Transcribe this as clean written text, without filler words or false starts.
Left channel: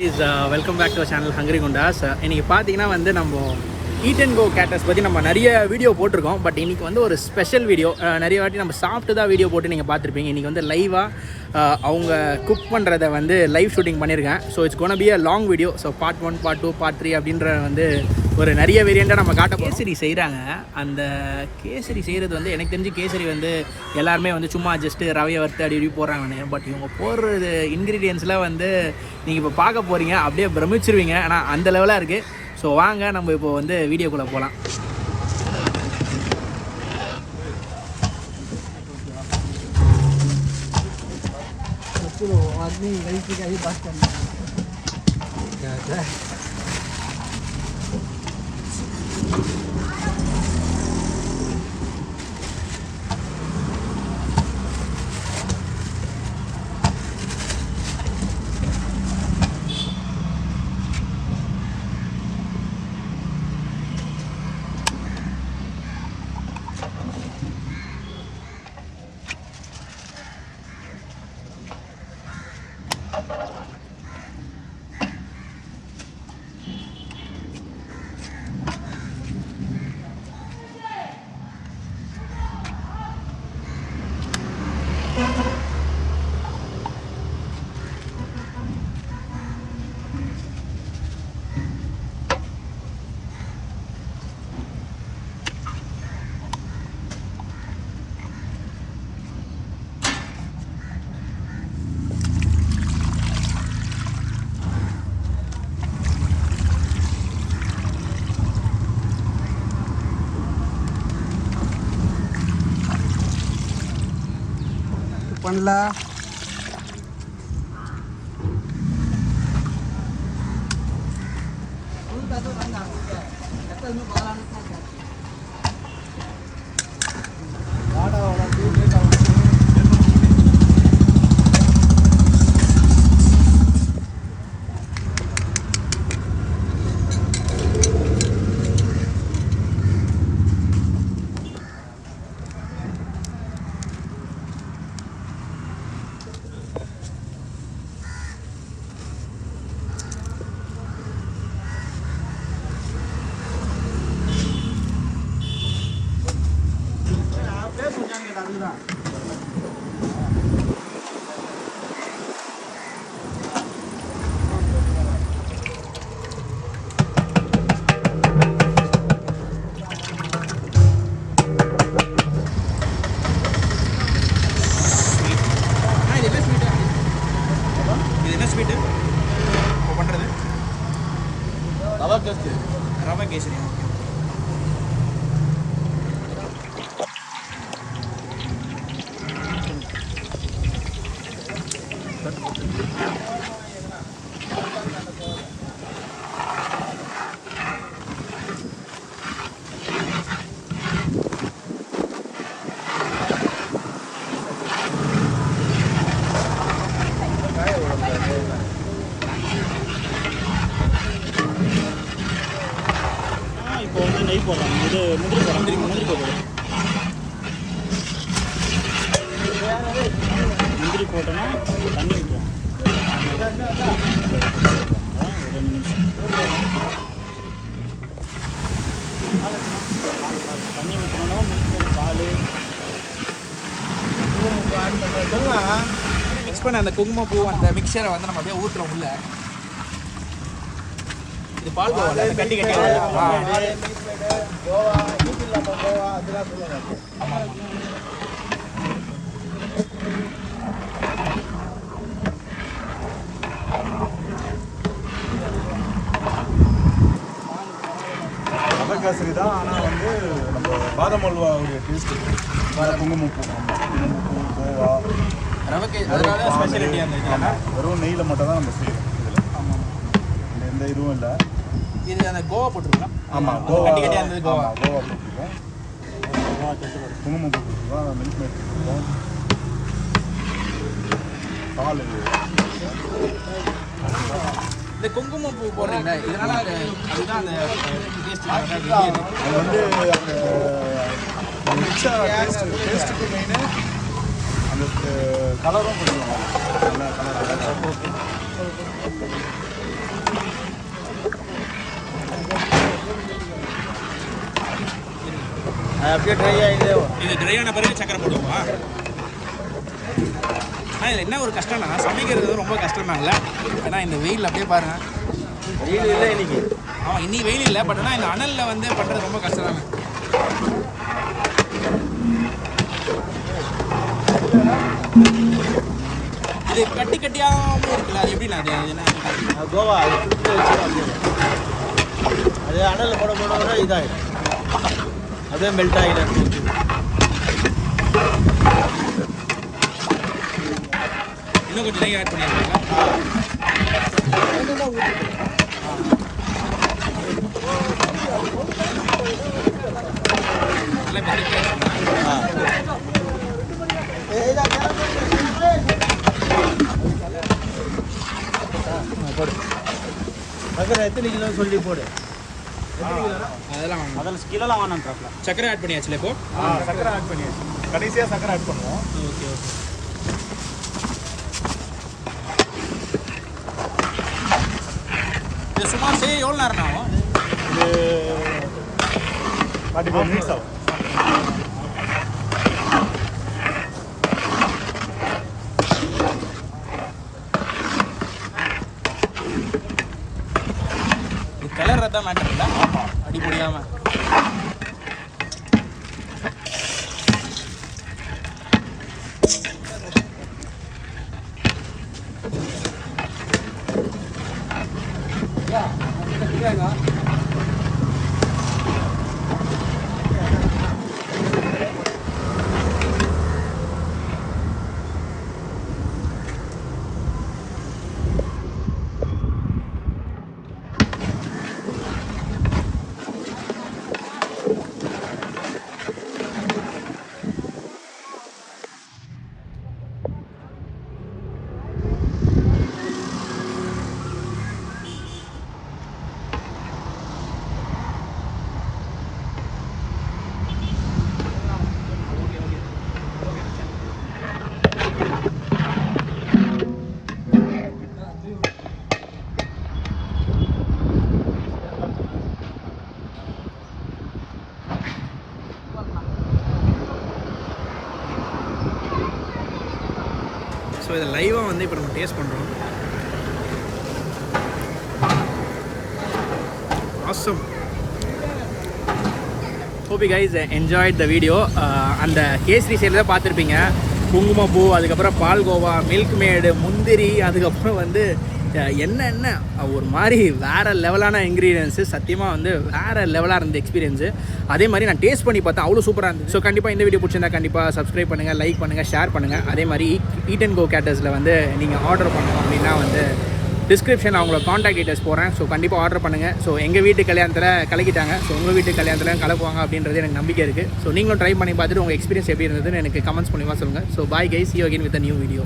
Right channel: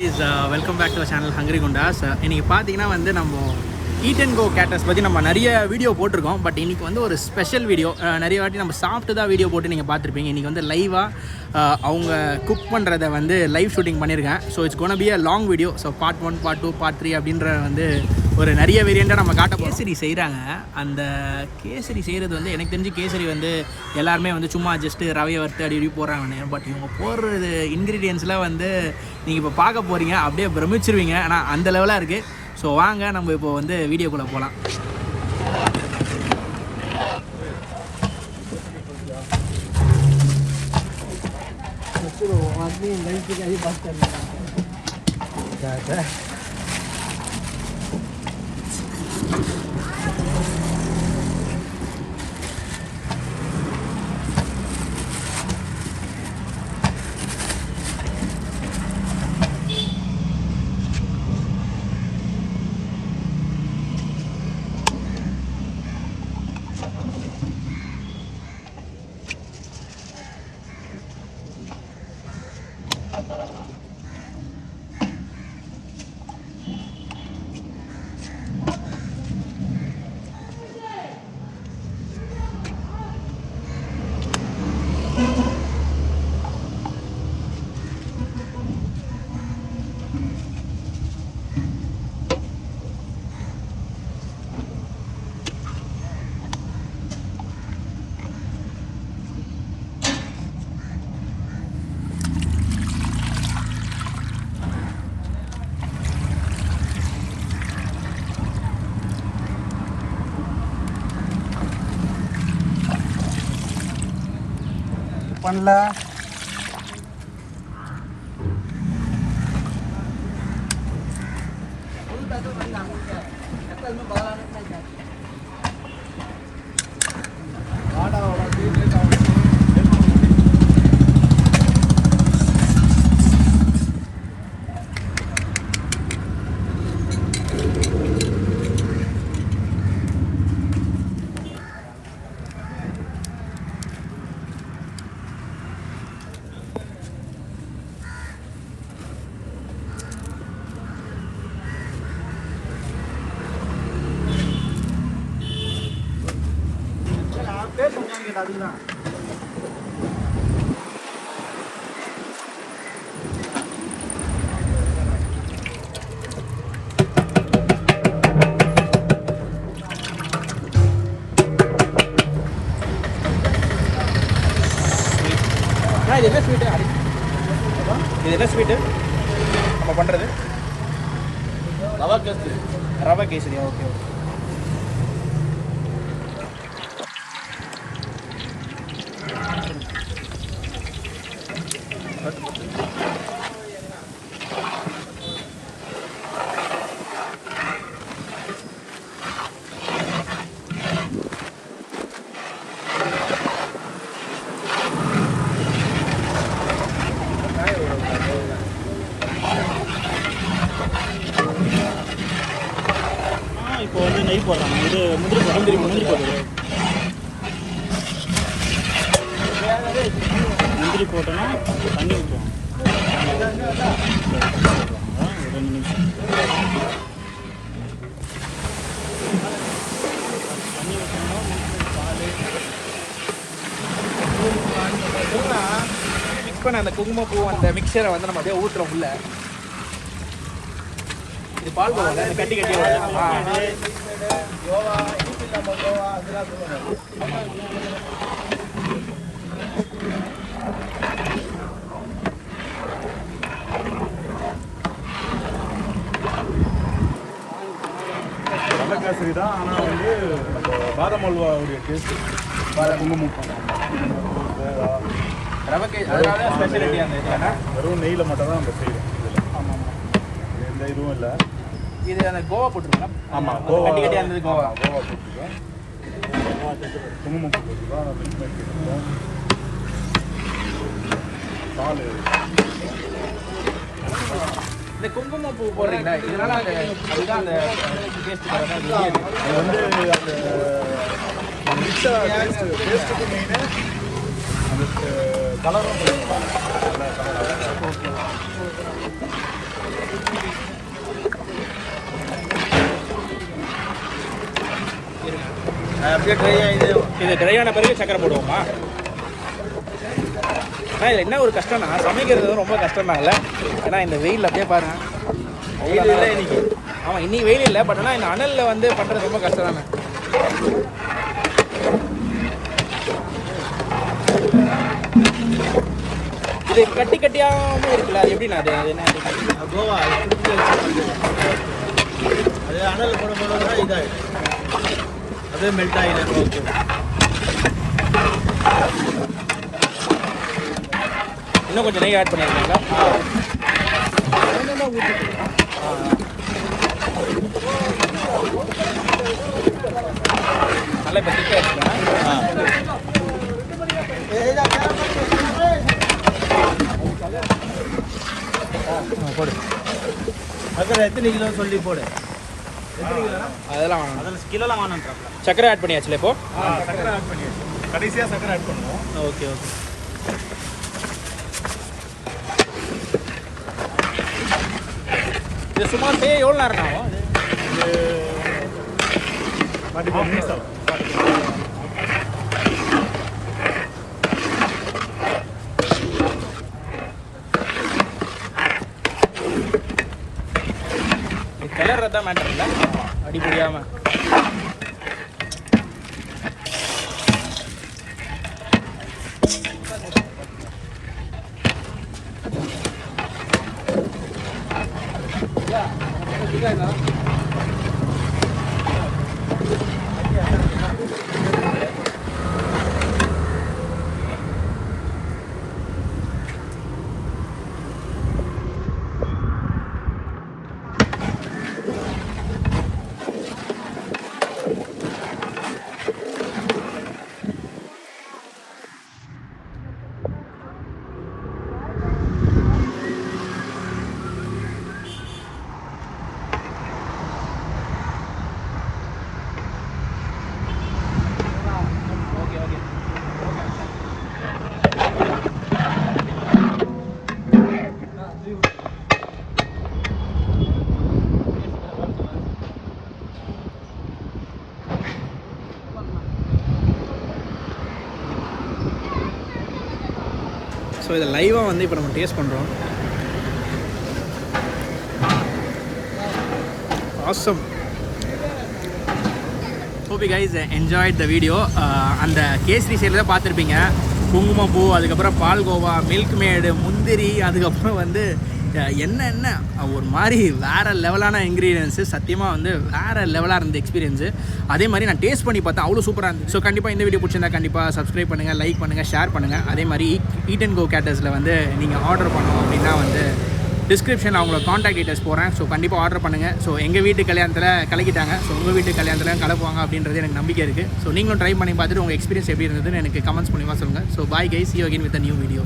Welcome back to channel hungry Goondas. இன்றைக்கி பார்த்தீங்கன்னா வந்து நம்ம ஈட் அண்ட் கோ கேட்டர்ஸ் பற்றி நம்ம நிறைய வீடியோ போட்டிருக்கோம். பட் இன்றைக்கி வந்து ஒரு ஸ்பெஷல் வீடியோ. நிறைய வாட்டி நம்ம சாப்பிட்டு தான் வீடியோ போட்டு நீங்கள் பார்த்துருப்பீங்க. இன்றைக்கி வந்து லைவாக அவங்க குக் பண்ணுறத வந்து லைவ் ஷூட்டிங் பண்ணியிருக்கேன். So it's gonna be a long video. So part 1, part 2, part 3 அப்படின்ற வந்து ஒரு நிறைய வேரியண்ட்டாக நம்ம காட்ட போகிறோம். கேசரி செய்கிறாங்க. அந்த கேசரி செய்கிறது வந்து எனக்கு தெரிஞ்சு கேசரி வந்து எல்லாருமே வந்து சும்மா ஜஸ்ட்டு ரவையை வறுத்து அப்படி இப்படி போடுறாங்க. பட் இவங்க போடுறது இன்க்ரீடியன்ஸ்லாம் வந்து நீங்கள் இப்போ பார்க்க போகிறீங்க, அப்படியே பிரமிச்சிருவீங்க. ஆனால் அந்த லெவலாக இருக்குது. ஸோ வாங்க நம்ம இப்போ வந்து வீடியோக்குள்ளே போகலாம். பண்ணலாம். அதுதான் இது என்ன ஸ்வீட்டு நம்ம பண்ணுறது? ரவா கேசரி. Okay okay. அந்த குங்குமப்பூ அந்த மிக்சரை வந்து நம்ம அப்படியே ஊற்றுறோம் உள்ள. இது பால்கோவா கட்டி கட்டி ரவா கேசரி தான். ஆனால் வந்து நம்ம பாதாம் அல்வாவுடைய டேஸ்ட் குங்குமப்பூ கோவா ரவா கேசரி அதனால ஸ்பெஷாலிட்டியாக இருந்தது. வெறும் நெய்யில் மட்டும் தான் நம்ம செய்கிறோம் இதில். ஆமாம் ஆமாம், எந்த இதுவும் இல்லை. இது அந்த கோவா போட்டிருக்கோம். ஆமாம், கோவா கட்டி கட்டியாக இருந்தது. கோவா போட்டிருக்கோம். குங்குமப்பூ போட்டிருக்கோம். மில்க்மேட் போட்டிருக்கோம். பால். இந்த குங்குமப்பூ போடுறீங்களா, இதனால அதுதான் அந்த டேஸ்ட் அது வந்து அந்த டேஸ்ட்டுக்கு மெயினாக அந்த கலரும் கொஞ்சம் நல்லா கலர். இது ட்ரை ஆன பிறகு சக்கரை போடுவோமா? ஆனால் இதில் என்ன ஒரு கஷ்டம்னா சமைக்கிறது ரொம்ப கஷ்டம்னால. ஏன்னா இந்த வெயில் அப்படியே பாருங்க. இன்னைக்கு ஆமாம் இன்னைக்கு வெயில் இல்லை, பட் ஆனால் இந்த அனலில் வந்து பண்ணுறது ரொம்ப கஷ்டம் தானே. இது கட்டி கட்டியாகவும் இருக்குல்ல, அது எப்படின்னா அது என்ன கோவா அது அனலில் போடும்போது இதாகிடும், அதே மெல்ட் ஆகிடும். ஓகே, இன்னும் கொஞ்சம் நெய் ஆட் பண்ணியிருக்கீங்களா? நல்லா இப்போ திக் ஆகிடுச்சுண்ணா. எத்தனை கிலோ சொல்லி போடு. எத்தனை கிலோ? அதெல்லாம் கிலோலாம் வேணான்றாப்ல. சக்கரை ஆட் பண்ணியாச்சுல இப்போ? சக்கரை ஆட் பண்ணியாச்சு. கடைசியாக சக்கரை ஆட் பண்ணுவோம். Okay okay. இது சுமார் செய்ய எவ்வளோ நேரம் ஆகும்? கலர் தான் மேட்டர் இல்லை, அடி புரியாமல். ஸோ இதை லைவாக வந்து இப்போ நம்ம டேஸ்ட் பண்ணுறோம். Awesome. Hope you guys enjoyed the video. அந்த கேசரி சைடில் தான் பார்த்துருப்பீங்க. குங்குமப்பூ, அதுக்கப்புறம் பால்கோவா, மில்க்மேடு, முந்திரி, அதுக்கப்புறம் வந்து என்ன ஒரு மாதிரி வேறு லெவலான இன்க்ரீடியன்ஸு. சத்தியமாக வந்து வேறு லெவலாக இருந்த எக்ஸ்பீரியன்ஸு. அதே மாதிரி நான் டேஸ்ட் பண்ணி பார்த்தேன், அவ்வளோ சூப்பராக இருந்துச்சு. ஸோ கண்டிப்பாக இந்த வீடியோ பிடிச்சிருந்தா கண்டிப்பாக சப்ஸ்கிரைப் பண்ணுங்கள், லைக் பண்ணுங்கள், ஷேர் பண்ணுங்கள். அதே மாதிரி ஈட் அண்ட் கோ கேட்டர்ஸில் வந்து நீங்கள் ஆர்டர் பண்ணோம் அப்படின்னா வந்து டிஸ்கிரிப்ஷனில் அவங்களோட காண்டாக்ட் டீட்டெயில்ஸ் போகிறேன். ஸோ கண்டிப்பாக ஆர்டர் பண்ணுங்கள். ஸோ எங்கள் வீட்டு கல்யாணத்தில் கலக்கிட்டாங்க. ஸோ உங்கள் வீட்டு கல்யாணத்தில் கலக்குவாங்க அப்படின்றது எனக்கு நம்பிக்கை இருக்குது. ஸோ நீங்களும் ட்ரை பண்ணி பார்த்துட்டு உங்கள் எக்ஸ்பீரியன்ஸ் எப்படி இருந்ததுன்னு எனக்கு கமெண்ட்ஸ் மூலியமாக சொல்லுங்கள். So bye guys, see you again with a new video.